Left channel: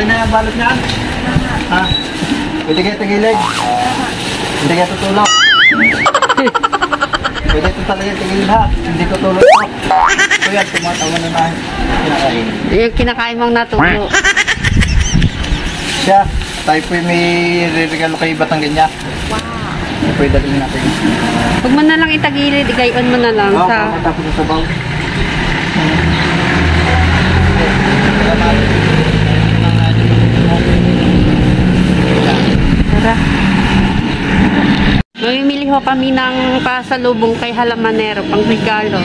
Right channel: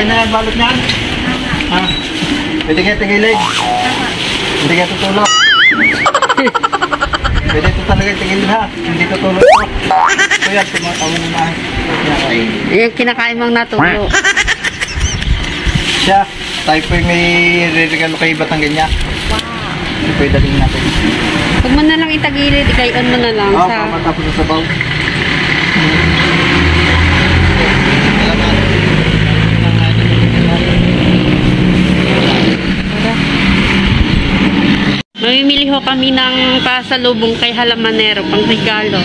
Okay na yan, balot niyan? Ha? Pwede kayo tigilid? Hindi kayo tutulog? Pwede ito talaga tigilid ha? Hindi tutulog ito. Kuya, tumatawa na na. Yung kinakain mong natulo. Siya, tayo po may re-regalo kay Batanggan niya. Wow. Ito po yung dating natin. Huwag mo na lang itagilid, ikayon mo na lang. Oo, sa... matapos sa sabaw. Tara. Mamimili ho kami ng pasalubong kay Halamanero, pang regalo.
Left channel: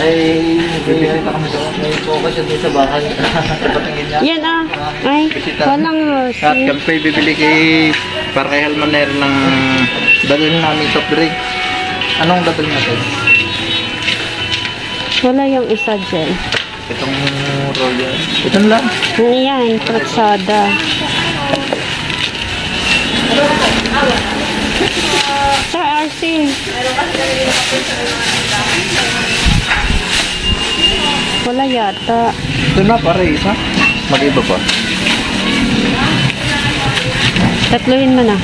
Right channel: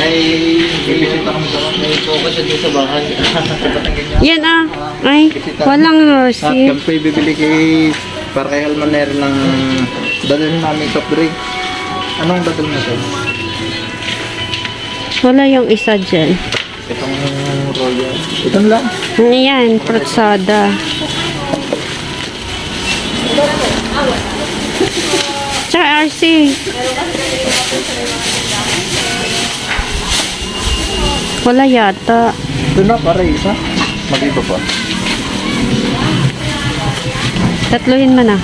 Ay, bibisita kami doon. May focus sa bahay. Yan ah. Ay, walang At kami po bibili para kay Halamanero ng dalhin namin soft drink. Anong dadalhin natin? wala yung isa dyan. Itong royal. Ito lang. Ayan, pratsada. Sir RC. Wala yata. Ito na, para isa. Mag-iba pa. Tatluhin mo na.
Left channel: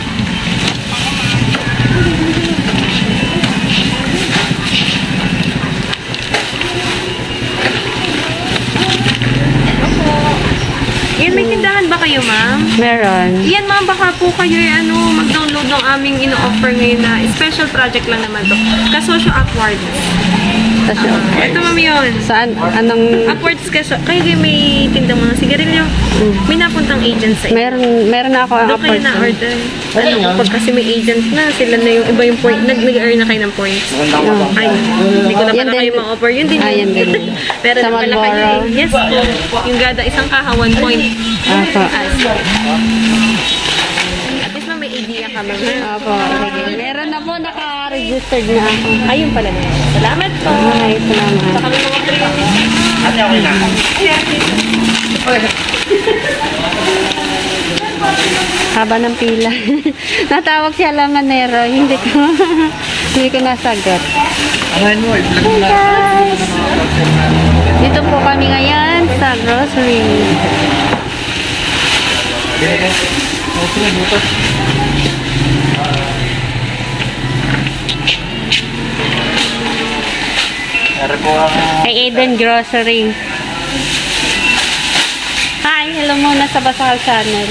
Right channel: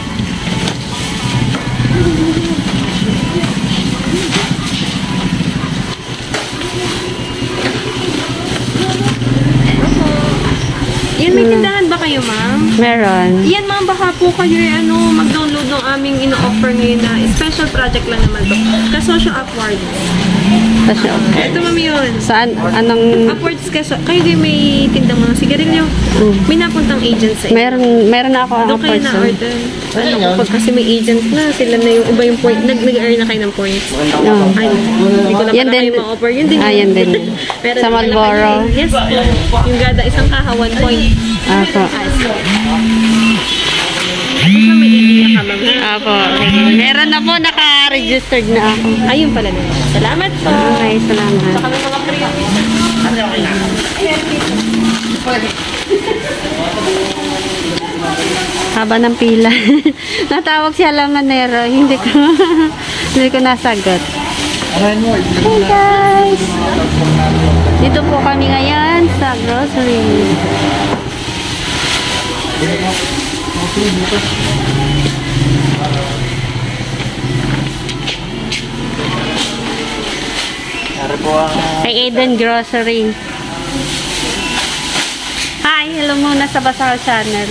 Yan, may tindahan ba kayo, ma'am? Meron. Yan, ma'am, baka po kayo mag-download ng aming ino-offer ngayon na special project lang naman to. Kasosyo Upwards. Kasi Ito, ma'am, yun. saan? Anong... Upwards kayo din may tindang mga sigarilyo. May napuntang agent sa inyo. Meron na ako ang Doon kayo person. na-order. Ayun yan. Pag kasi may agent na, sila na yung iba yung point. Nag-earn na kayo ng points. Magandang Ay, hindi ko na Yan pala din. kayo ma-offer. Yun din. Yan din. Pero Sa wala Marlboro. kayo. Yes po. Yung gada, isang kaha, 1 point. Apo. Tapos may idea ka mag Apo. Sige. Meron na po. Naka-registered na ako. Ayun pala na. Salamat po. Okay, salamat. Sa kami mga premium. Haba ng pila. Natawag si Halamanero. Hindi ko nasagot. Ano mo? Hey guys! Dito po kami ngayon sa grocery. Ari po ang... Kay Eden Grocery. Hi! Hello muna sa Basal Channel.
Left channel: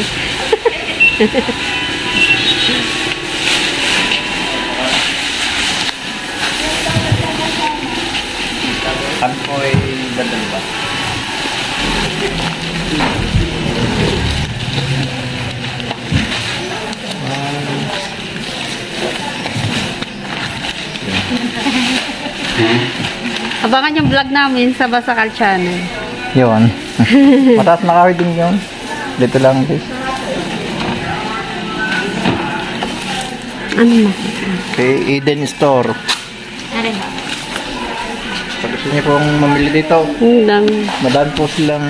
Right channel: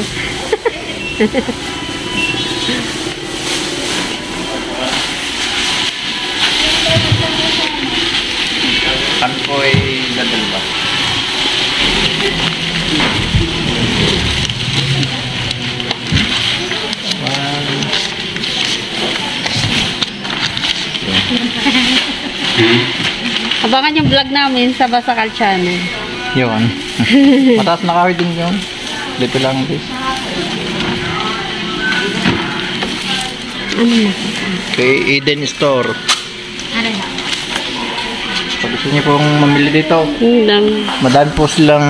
Ano po ay dadal ba? Abangan yung vlog namin sa Basakal Channel. Yun. Mataas na ka-ording yun. Dito lang this. Ano na? Kay Eden Store. Pag gusto niyo pong mamili dito, madami po silang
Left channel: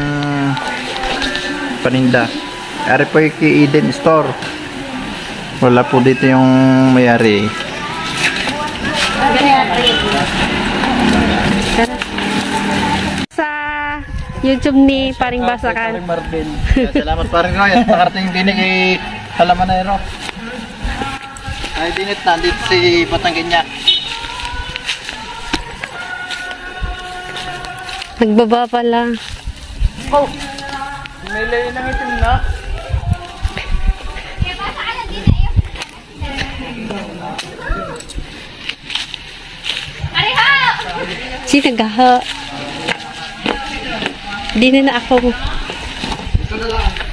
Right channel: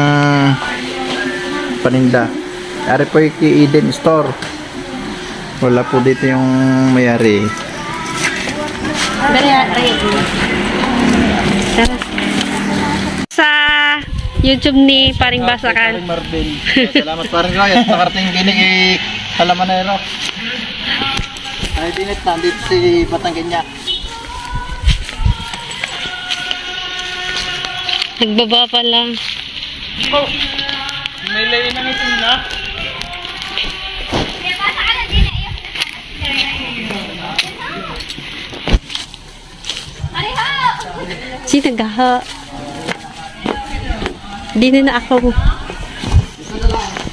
paninda. Ari po yung kay Eden Store. Wala po dito yung mayari. Sa YouTube ni Paring Basakal. Paring Marvin. Salamat Paring Roy at nakarating din kay Halamanero. Ay dinit nandito si Batanggan niya. Nagbaba pala. Oh, may layo ng itim na. Si nagaha. Di na ako.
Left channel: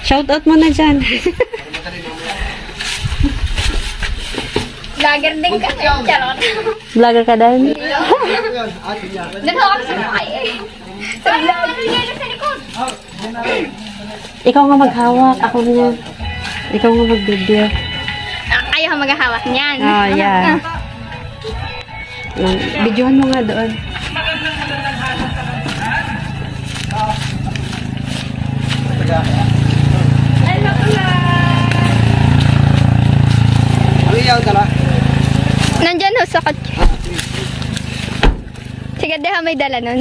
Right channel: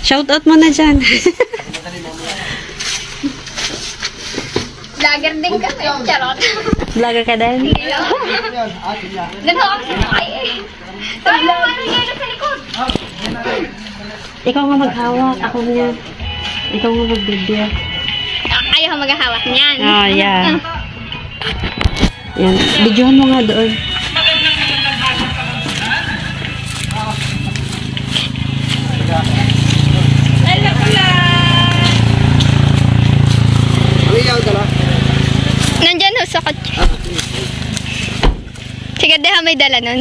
Shout out mo na dyan. Vlogger din ka ba? Charot. Vlogger ka din? Nanawag sa mga eh. Sabi mo, ano sa likod? Ikaw nga maghawak. Ako niya. Ikaw nga mag-video. Ayaw maghahawak niyan. Oh, yeah. Yan. Videohan mo nga doon. sa kotse. Sige, deha may dala nun.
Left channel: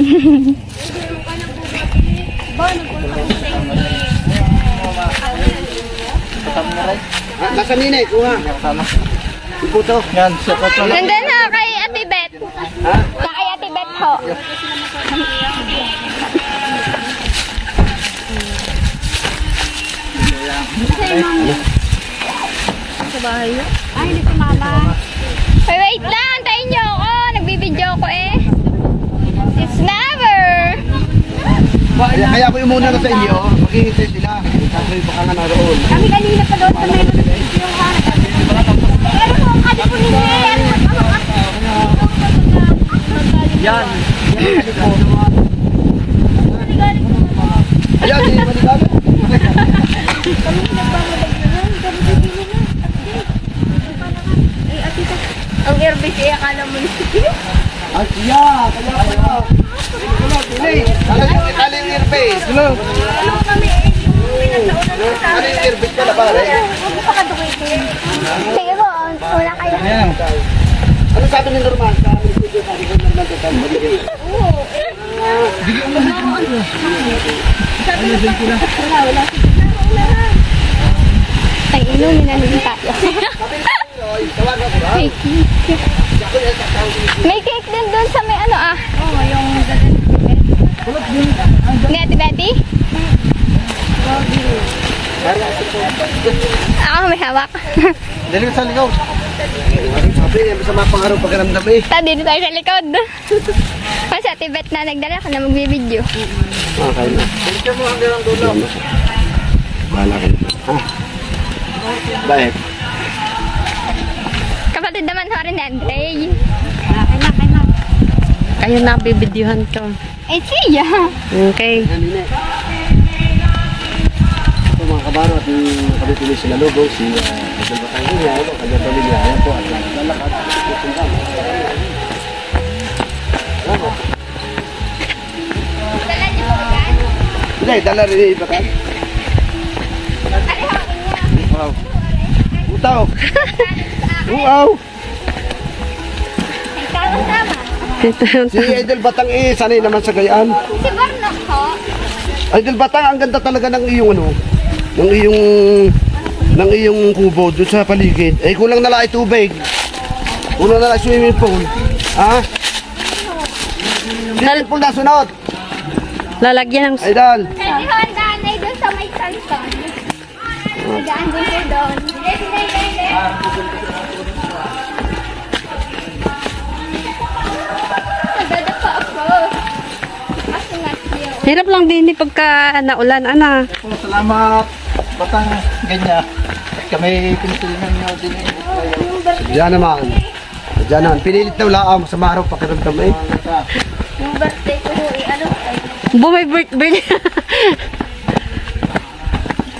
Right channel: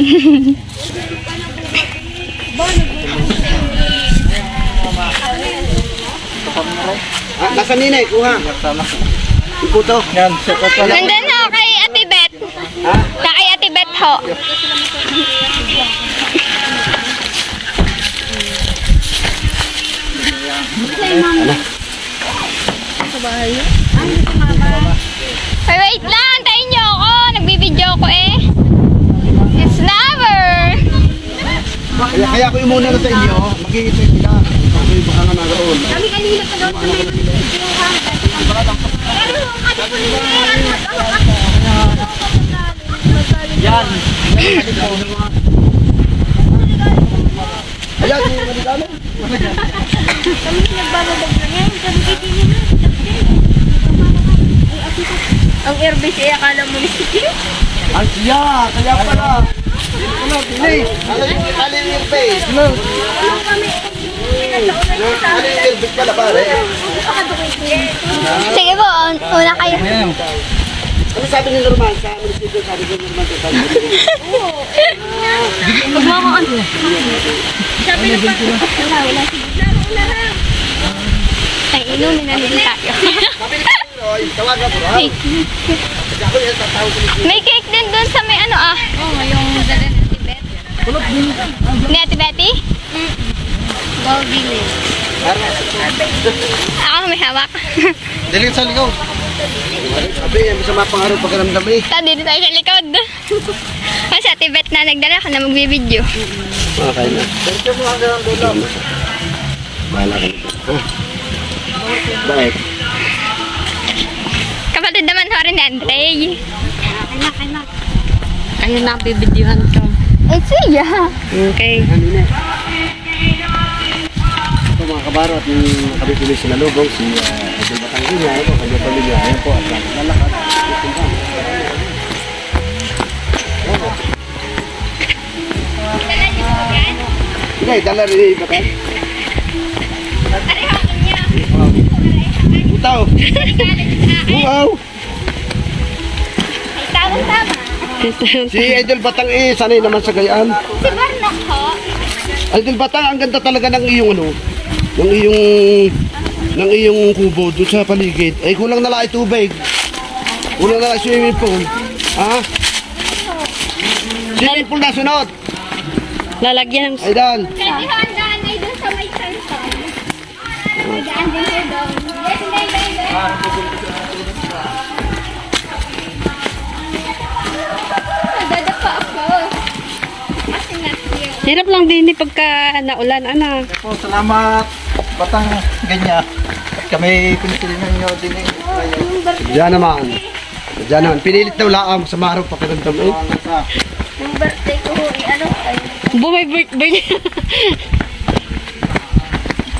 Nasa ninay, kuha. Iputo. Yan, sukat ko. Nandun ho kay Ate Bet. Na kay Ate Bet ho. Ay, wait lang. Antayin niyo ako. Nagbibideo ko eh. It's lover. Kaya ako yung muna na sa inyo, mag-iisip sila. Sabi baka nga naroon. Kami kanina pa doon sa may videohan. Pero ate po nila yan. Ayan, hindi naman dami. Ang airbase ay akala mo ni Steve. Ay, siya! Kaya pala! Pili! Ano yung airbase? Ano yung airbase ka na pare? Sige po, una kayo. Ano sabi ng normal? Sabi ng normal ka tayo. Sabi na pa, wala. Ay, inumin na din tayo. Sabi ni Roy, tawag mo bro. May cake din doon sa may ano ah. Oo, yung dala ng Tibet. Ni Ate Betty? Ako may hawak. Daling sa ligaw. Sabi, masama pangarap pagkaramdam eh. Dito tayo sa likod. O si Ate Bet na nagdala ka na magbibideo. Okay. Pero mo hanggang ang dulo. Bahala kayo. Bakit? Kapatid naman ho rin ni Andre. Kaya na, bibidyohan ka. Eh, siya. Okay. Ito mga kabaro at yung kabituloy sila logo, si Jose Batangina, ito, kanya-pamilya, ayan po, at lalakad, pupunta. Hindi, dala rin yung ibakan. Ari ho, niya. Wow. Utaw! Wow! Ay, tama-tama. Si Idol Batang eh, sanay naman sa gayaan. Si Barnok ho. Idol Batang, ang ganda talaga ng iyong ano, ng iyong kubo doon sa paligid. Eh, kulang na lang ay tubig. Kulang na lang swimming pool. Ha? Swimming pool na sunod. Lalagyan ng... Ay, Dan. Pwede ho, ang daan ay doon sa may salson. Magdaan din kayo doon. Nagdadapa ako. Kasi not you. Hirap lang din pagka naulan, ana. Po, salamat. Batang ganyan. At kami pinitilingan nyo din eh. Diyan naman. Diyan naman. Pinilit na ulaang sa araw pakiramdam eh. Yung birthday ko ho, ano? Bumay-bumay.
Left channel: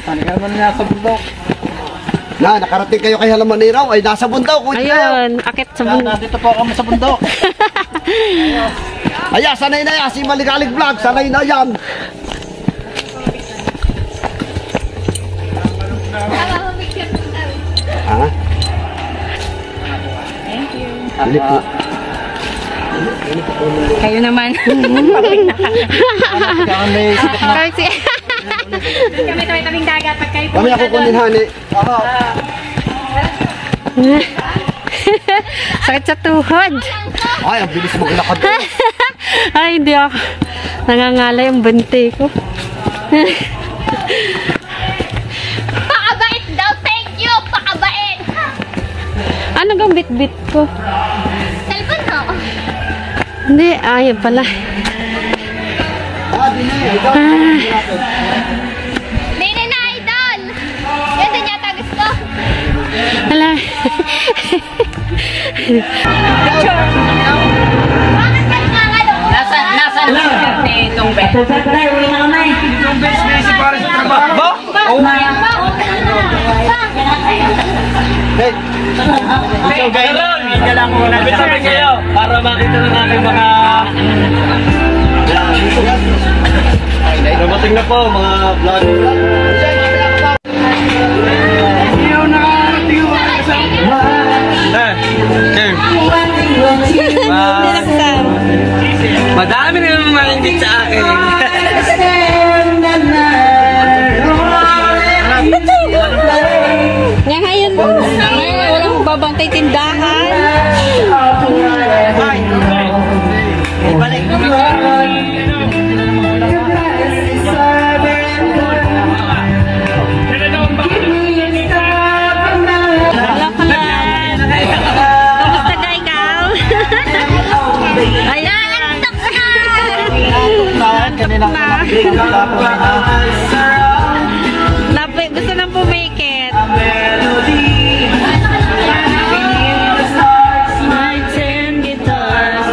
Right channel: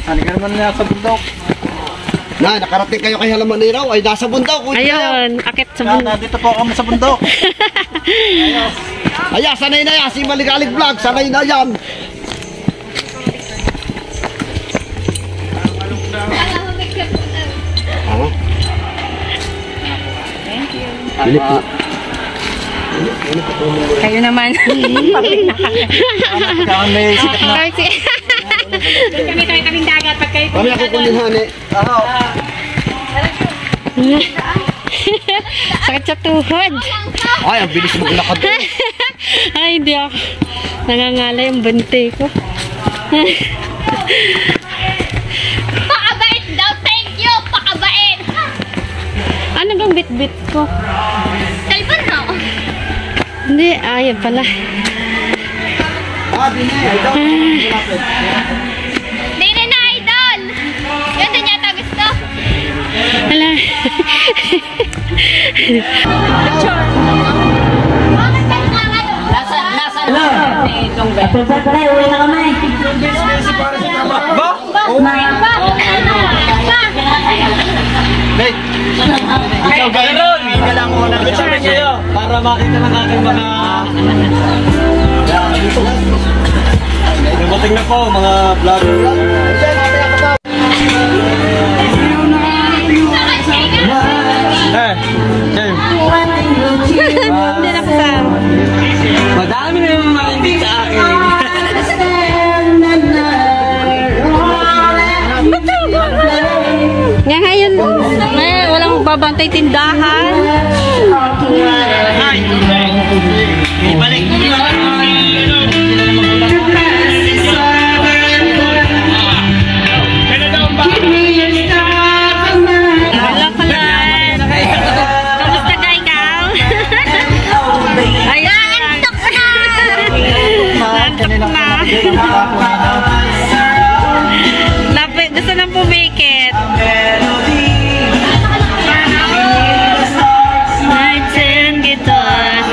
Ano ka naman niya sa bundok? Na, nakarating kayo kay Halamaniraw ay nasa bundok. Ayun, akit sa Yan, bundok. nandito po kami sa bundok. Aya, sanay na yan. Si Maligalig Vlog, sanay na yan. Ha? Thank you. Kayo naman. Kaya may sikat na. Kaming dagat pag kayo. Kami ako kunin hani. Ako. Sakit sa tuhod. Ay, ang bilis maglakad. Ay, hindi ako. Nangangalay ang bante ko. Pakabait daw, thank you! Pakabait! Ano bang bit-bit ko? Cellphone mo? Hindi, ayun pala. Ah, dini. Ito. Dine na, idol! Yan din yata gusto. Hala. Bakit nagkakalo? Nasa ni itong bet. Wait. Ikaw, guys. Hindi lang muna. Picture kayo. Para makita na natin mga... Dumating na po, mga vlog. nagbabantay tindahan. Hello, Kalan. Kamusta ka ikaw? Ayan. Nantok na. Lapit, gusto nang pumikit. Nights and guitars.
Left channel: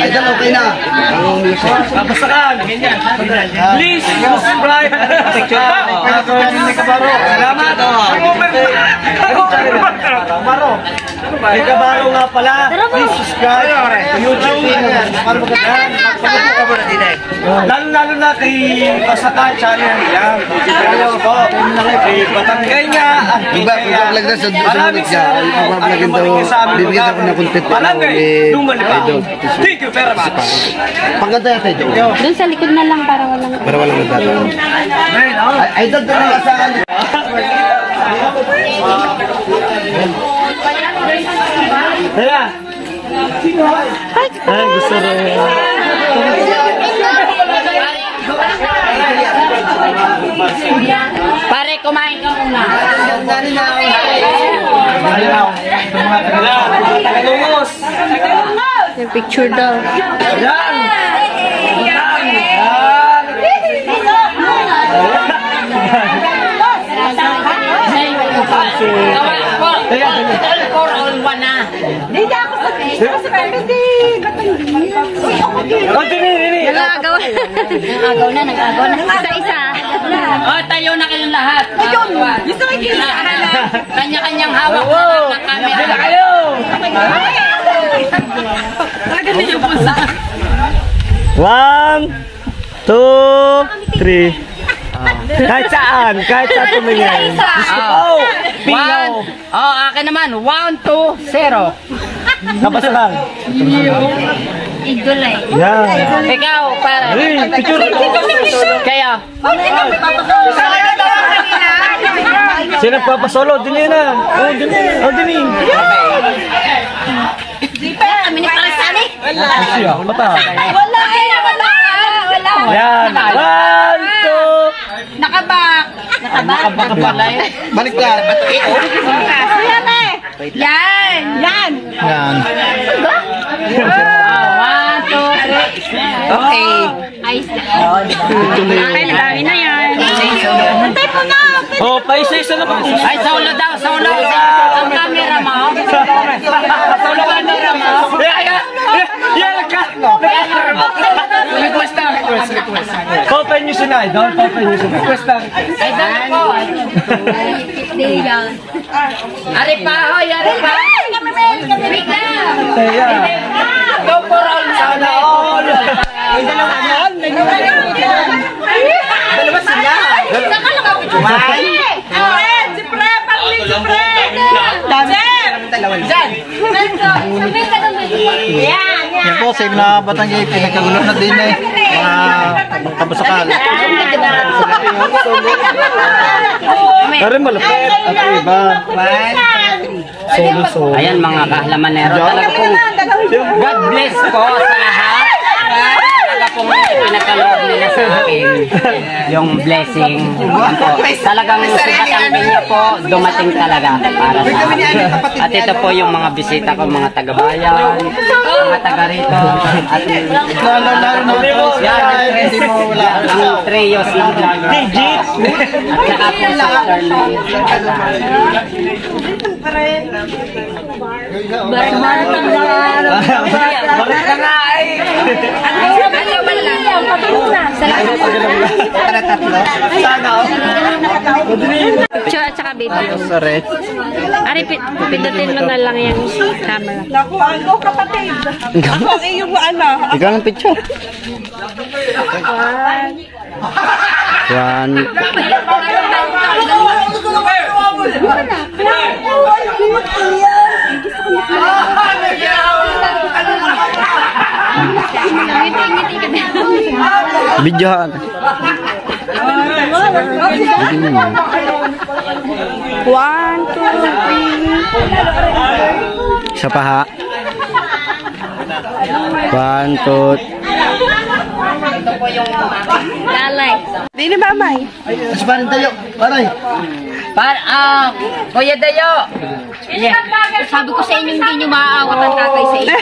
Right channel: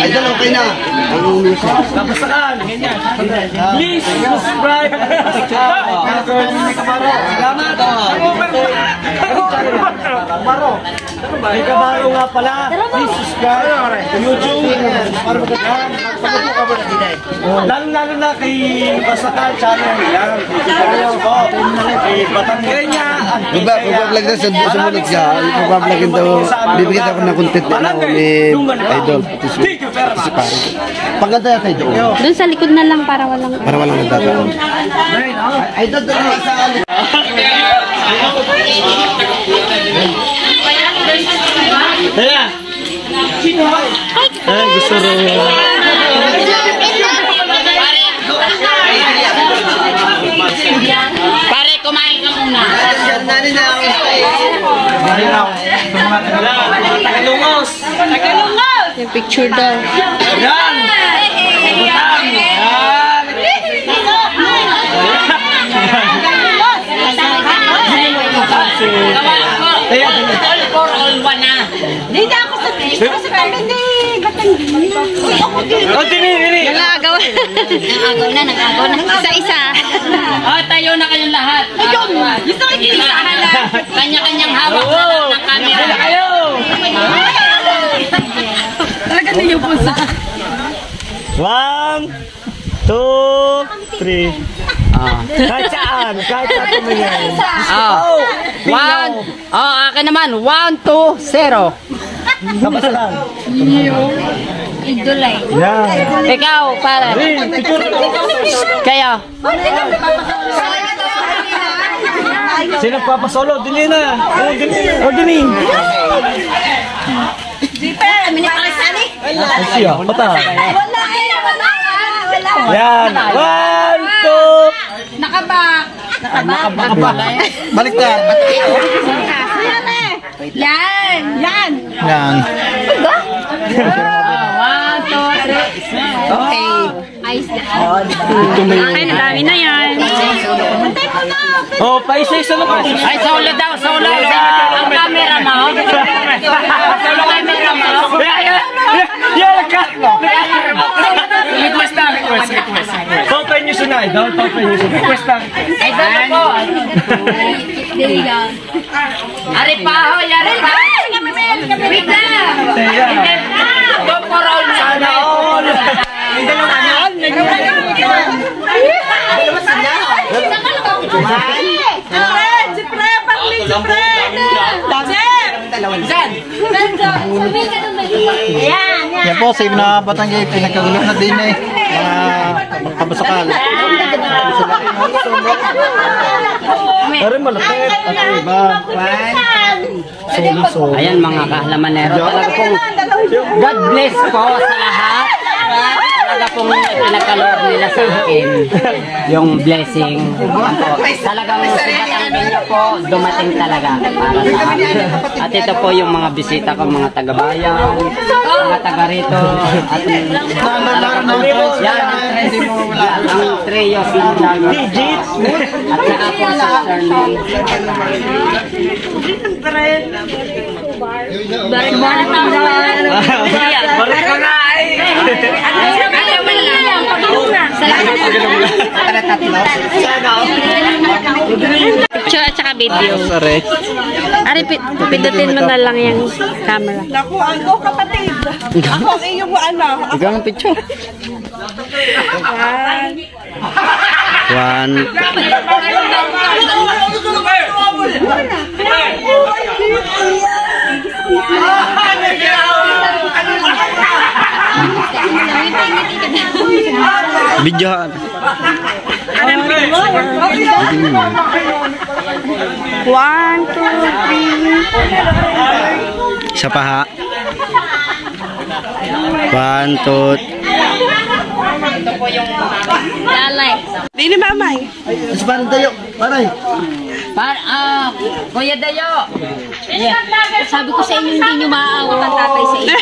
Ay, dalaw kayo na. Ang music. Please, subscribe. Salamat. May kabalo nga pala. Please subscribe to YouTube. Lalo na kay Basakan channel yan. Kay Batanggenya at Iba-vlog na sa sumunod ka. Iba-vlog ito. Bibigyan ako ng content na ako ni Idol. Thank you very much. Pagkanta yan ito. Doon sa likod na lang para walang... Para walang nagdadaan. Idol na lang sa Kaya. Ay, gusto rin. Pare, kumain ka muna. Tagalungos. Yung picture daw. Yan. All for all one na. Dito ako sa dito. Kasi hindi. Batanggi. Uy, ako dito. Nangagaw. Nangagaw na. Isa-isa. Oh, tayo na kayong lahat. Ayun. Gusto ko kinisahan na. Kanya-kanyang hawak na lang ng camera. Talaga din yung pulsa. 1, 2, 3. Kahit saan tumingin. Oh, akin naman. 1, 2, 0. Kapasa lang. Idol ay. Yan. Ikaw, pare. Kaya. Sino papasolo? Dini na. Oh, dini. Kami ni Parisani. Ay, siya. Pata. Wala. Yan. 1, 2. Nakabak. Balik na. Yan eh. Yan. Yan. 1, 2, 3. Okay. Ayos na. Ay, dami na yan. Oh, paisa-isa na po. Ay, solo daw, solo. Ang camera mo. Solo camera mo. Yan ka. Request. Topen nyo si Nay. Topen nyo si Nay. Request lang. Ay, solo po. Ari pa ho, yari pa. Wait lang. Go for all. Sana all. Dalawa sila. Yan po, same na Batanggay, pinagkagulo na din eh. Mga magkabasakal. Pero malapit. Solo. Ayan mga kahlamanero, talaga pong God bless po sa lahat. Talaga pong pinapanood nila sa akin yung blessing. Talagang sinatanggal niya po dumating talaga para sa akin. At ito po yung mga bisita ko, mga taga-bayan, mga taga-rito. At ang treyos ng vlogger. At saka po sa Charlie. Balik ka nga eh. Picture at saka video. Ari, pindutin mo na lang yung camera. Naku, ako kapatid. Ako ang iyong anak. Ikaw ng picture. One. Videohan. One, two, three. Isa pa ha. 1, 2. Dini mamay. Mas parang tayo. Paray. Kuya Dayo. Sabi ko sa inyo, hindi nyo maaawat ang tatay sa inyo.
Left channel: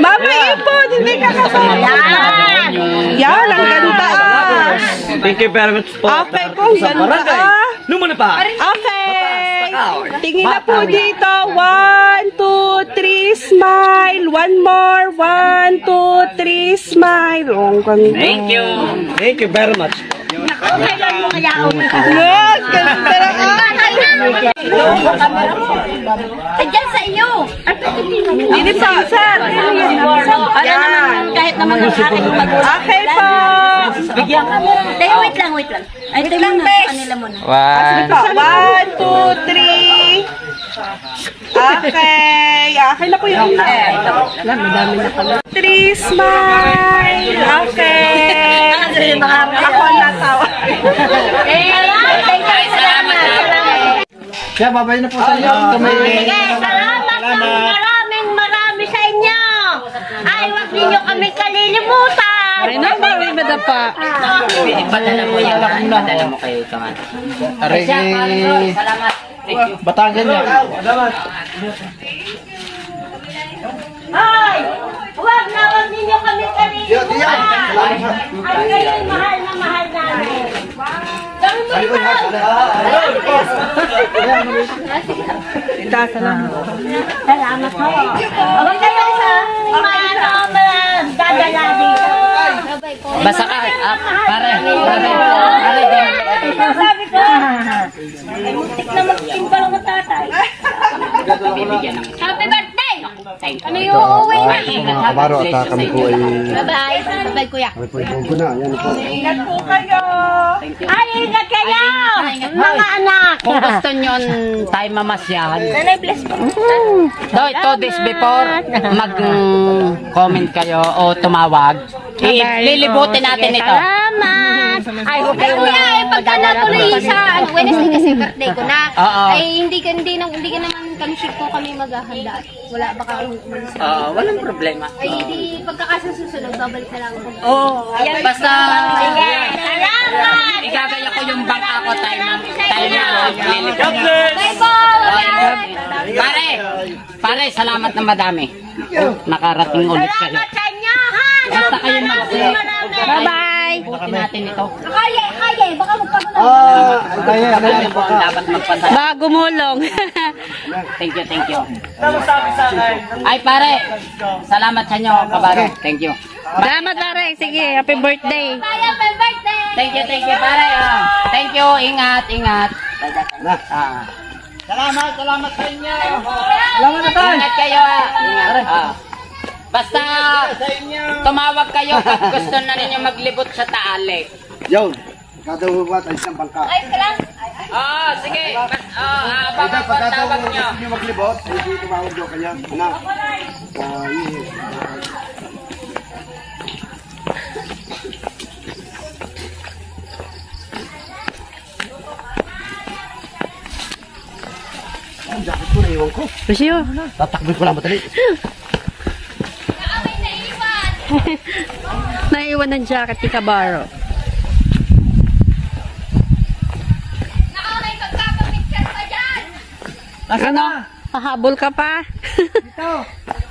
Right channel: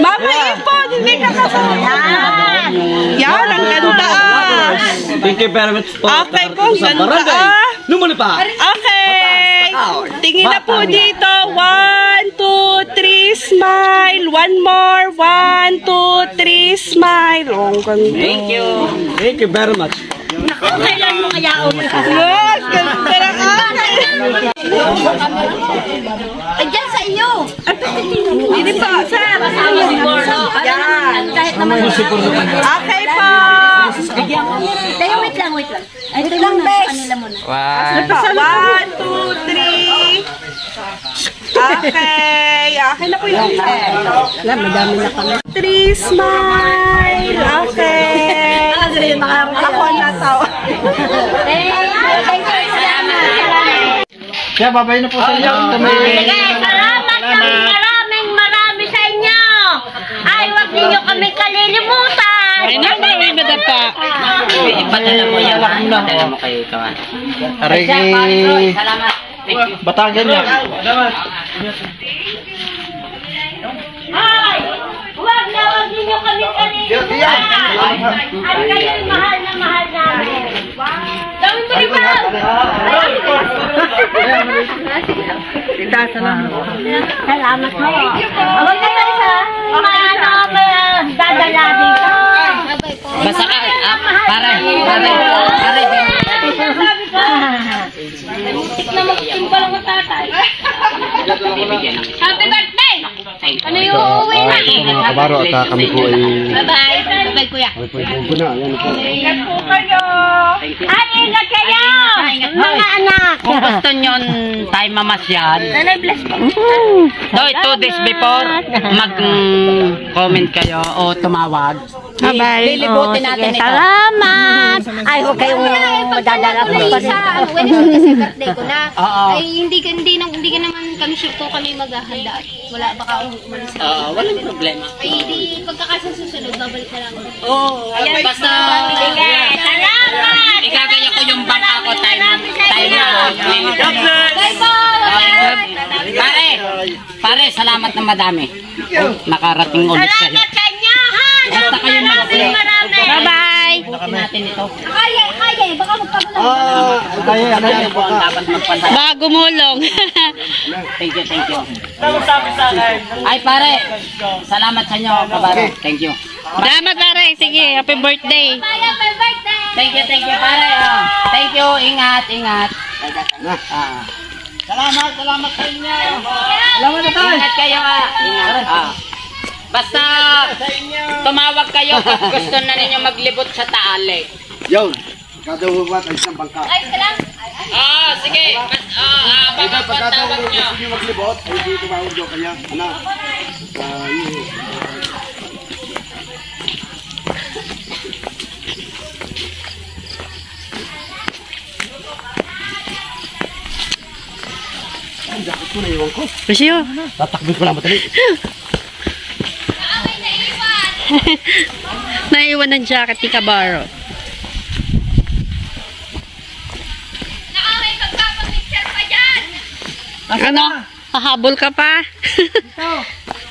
Mamay, ito. Hindi ka kasama. Yan, ang ganda. Thank you very much po. Okay po, ganda. Lumuli pa. Okay. Tingin na po dito. 1, 2, 3, smile. One more. 1, 2, 3, smile. Oh, ang ganda. Thank you. Thank you very much. Yes, ganda. Diyan sa iyo. Dito po, sir. Yan. Kahit naman Okay po. bigyan ka. Tayo, wait lang. Ay, ito lang na. Kanila muna. 1, 2, 3. Okay. Okay na po yung madami na pala. 3, smile. Okay. Ako na tao. Thank you. Salamat. Kaya babay na po sa inyo. Maraming sa inyo. Ay, wag ninyo kami kalilimutan. Ay, naman madapa. Ipadala mo yan ha. Ipadala mo kay Kaman. Aray, Salamat. Thank you. Batangan niya. Ay, wag ninyo kami kalilimutan. At kayo'y mahal na mahal namin. Dami mo rin ba? Salamat mo. Huwag kayo sa dadala dito. Basta ka. Pare. Sabi ko. Muntik na mag-team pa lang ang tatay. Happy birthday! Ano yung uuwi na? Kabaro at kami po ay... Bye-bye. Bye-bye, kuya. Ay po, po na. Yan po. Ingat po kayo. Ay, ingat kayo! Mga anak! Kung gusto nyo tayo mamasyal, Nanay, bless po. so 2 days before, mag-comment kayo o tumawag. Lilibutin natin ito. Salamat! Ay, huwag kayong madadala ko na sa Wednesday kasi birthday ko na. Oo. Ay, hindi ka naman kami ship ko kami maghahanda. Wala baka umalis na. Oo, walang problema. Ay, di pagkakasa susunod, babalik na lang. Oo, Ayan, basta salamat! igagaya ko yung bangka ko tayo na lilibot. Bye po! Pare, salamat na madami. Nakarating ulit kayo. Salamat sa inyo, ha? Basta kayo mag-vlog. Bye-bye! Natin ito. Kaya, baka magkagulo. Kaya, baka. Dapat magpasaya. Baka gumulong. Thank you. Ay pare, salamat sa inyo, kabaro. Thank you. Salamat, pare. Sige, happy birthday. Happy birthday! Thank you pare. Oh. Thank you, ingat. Salamat sa inyo. Salamat na tayo. Ingat kayo. Basta tumawag kayo pag gusto na ninyo maglibot sa Taale. Yun. Kada huwat ay isang bangka. Ay, salam. Sige. Abangan po ang tawag nyo. Hindi maglibot, hindi tumawag nyo kaya. Anak. Ang jacket ko, naiwan ko. Masyo. Tatakbo ko lang matali. Naiwan ng jacket ni Kabaro. Nakaway magpapapicture pa dyan. Ano? Hahabol ka pa?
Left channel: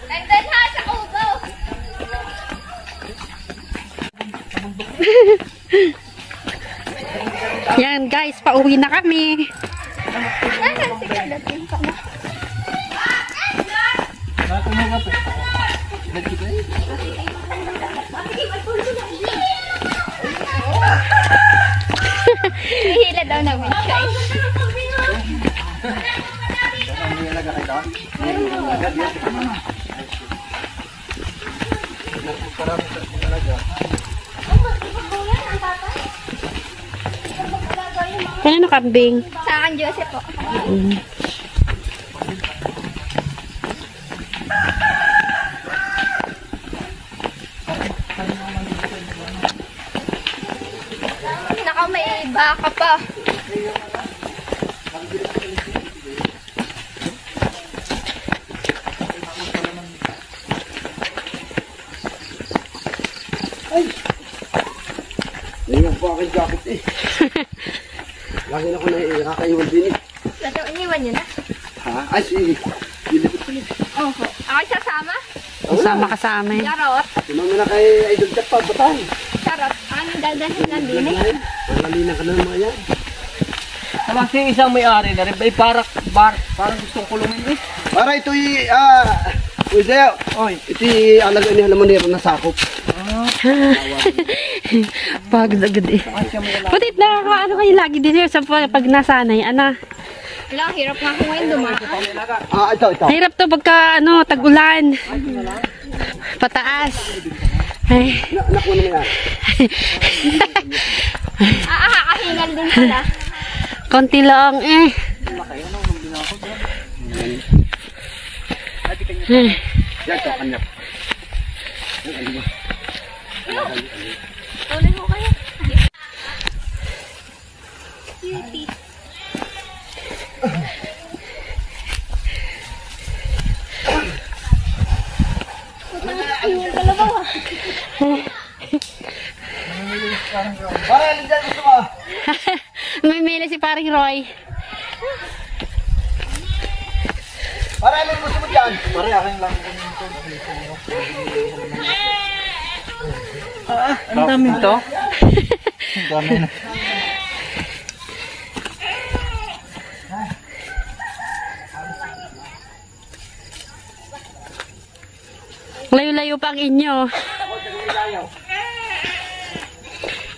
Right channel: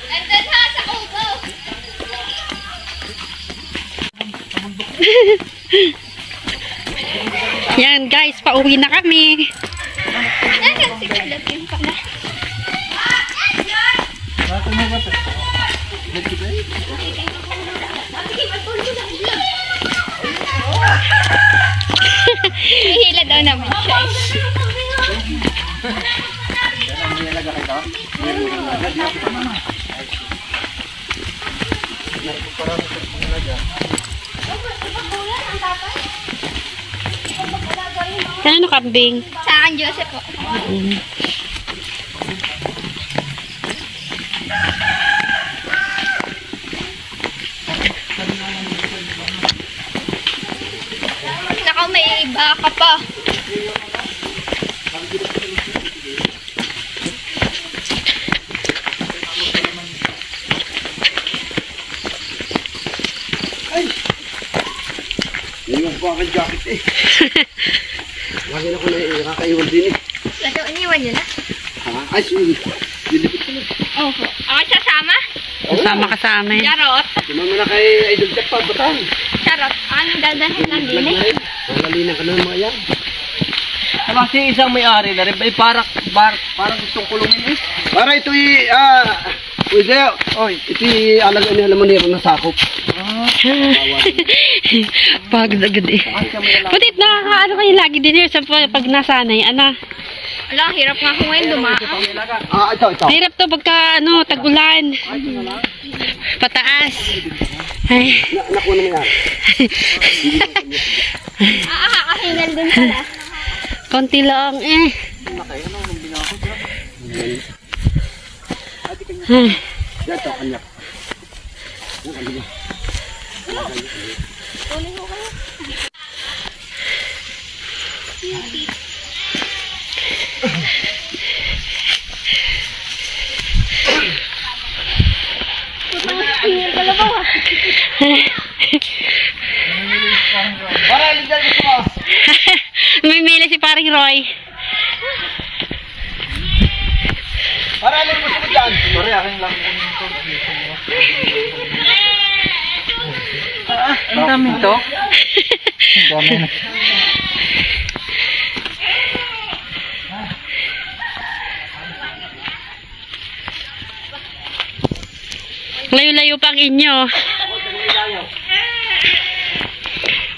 Nandun ha sa kubo. Yan guys, pauwi na kami. Nasaan si Kadating pala? Hihila daw namin siya. Kanino kambing? Sa akin, Joseph po. Naka, may iba ka pa. Iniwan ko aking jacket eh. Lagi na ko nakakaiwan din eh. Lato, iniwan nyo na. Ha? Ay, dilipit ko na. Oho. Ako sasama? Kasama ka sa amin. Charot. Sumama na kay Idol Jack pa, batang. Charot. Ano dadahin ng dinig? Malalinan ka na ng mga yan. Kasi isang may-ari na rin. Parang gustong kulungin eh. Para ito Uy, ito alaga niya naman nila na sakop. Pagdagad eh. Putit nakakaano kayo lagi din here sa pag nasanay. Ano? Ala, hirap nga ako ngayon dumaan. Ito. Hirap to pagka tag-ulan. Pataas. Ay. Nakuha na yan. Kakahingan dun sila. Konti lang eh. Yan, ito, kanya. Tuloy ko kayo. May mili si paring Roy. Para ano mo gusto mo dyan? Pare, akin lang ko nito. Ang dami ito. Ang dami na. Layo-layo pa ang inyo.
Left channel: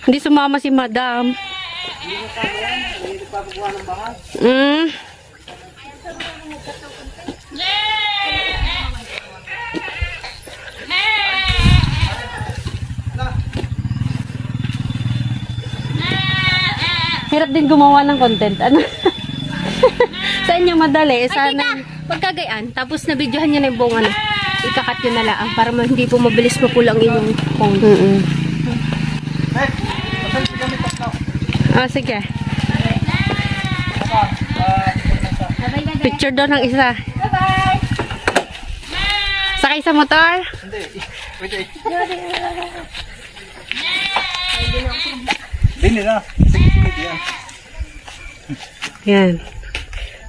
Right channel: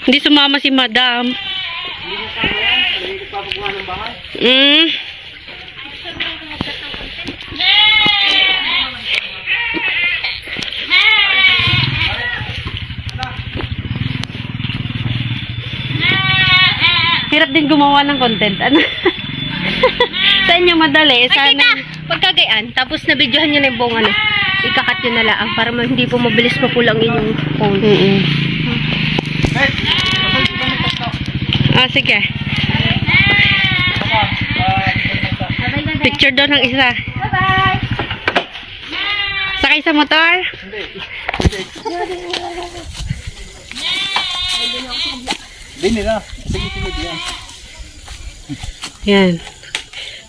Hindi sumama si Madam. Hirap din gumawa ng content. Ano? Sa inyo madali. Sana Pagkagayaan, tapos nabidyohan nyo na yung buong ikakat nyo na lang para hindi po mabilis mapulang inyong phone. Oh, sige. Picture daw ng isa. Bye-bye! Sakay sa motor? Hindi nila. Sige, yan. Yan.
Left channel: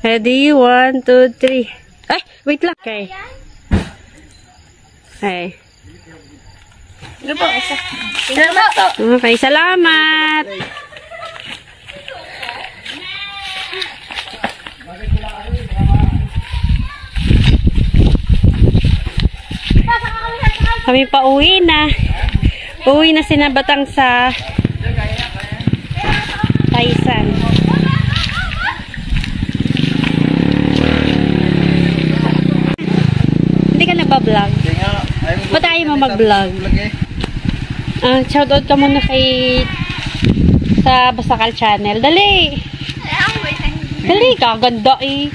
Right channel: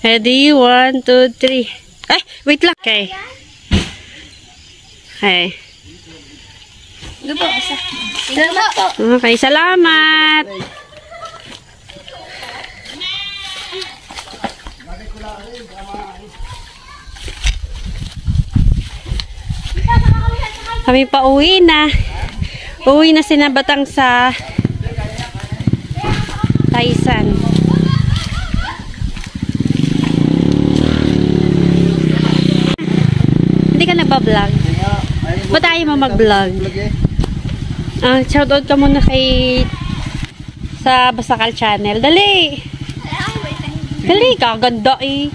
Ready? 1, 2, 3. Ay, wait lang. Okay. Okay. Okay, salamat. Kami pa uwi na. Uwi na sinabatang sa Taisan. Hindi ka nagpa-vlog? Ba't ayaw mo mag-vlog? Shoutout ka muna kay Sa Basakal Channel. Dali! Dali, kaganda eh.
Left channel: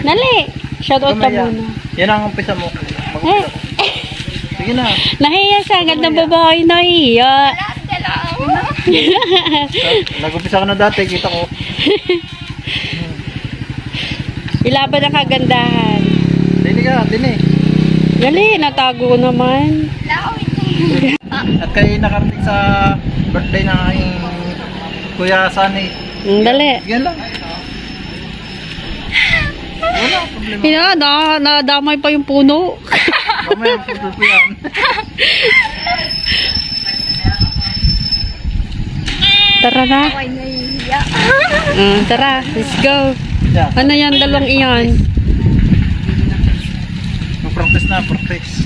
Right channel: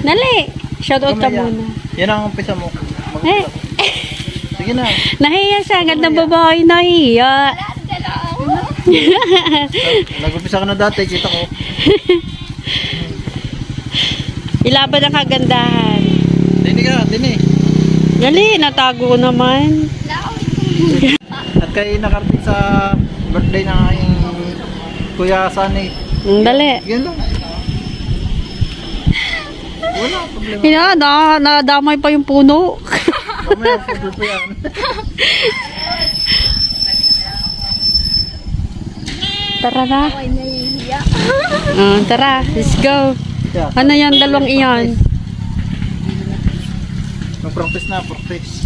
Dali! Shoutout ka muna. Yan ang umpisa mo. Sige na. Nahiya siya. Gandang babae. Nahiya. Nag-umpisa ka na dati. Kita ko. Ilaban ang kagandahan. Dini ka. Dini. Dali, natago ko naman. At kayo nakarating sa birthday ng aking Kuya Sunny. Dali. Yan lang. Nadamay pa yung puno. Mamaya, photo po yan. Tara na. Tara, let's go. Ano yan, dalawang iyan? Mag-practice na, practice.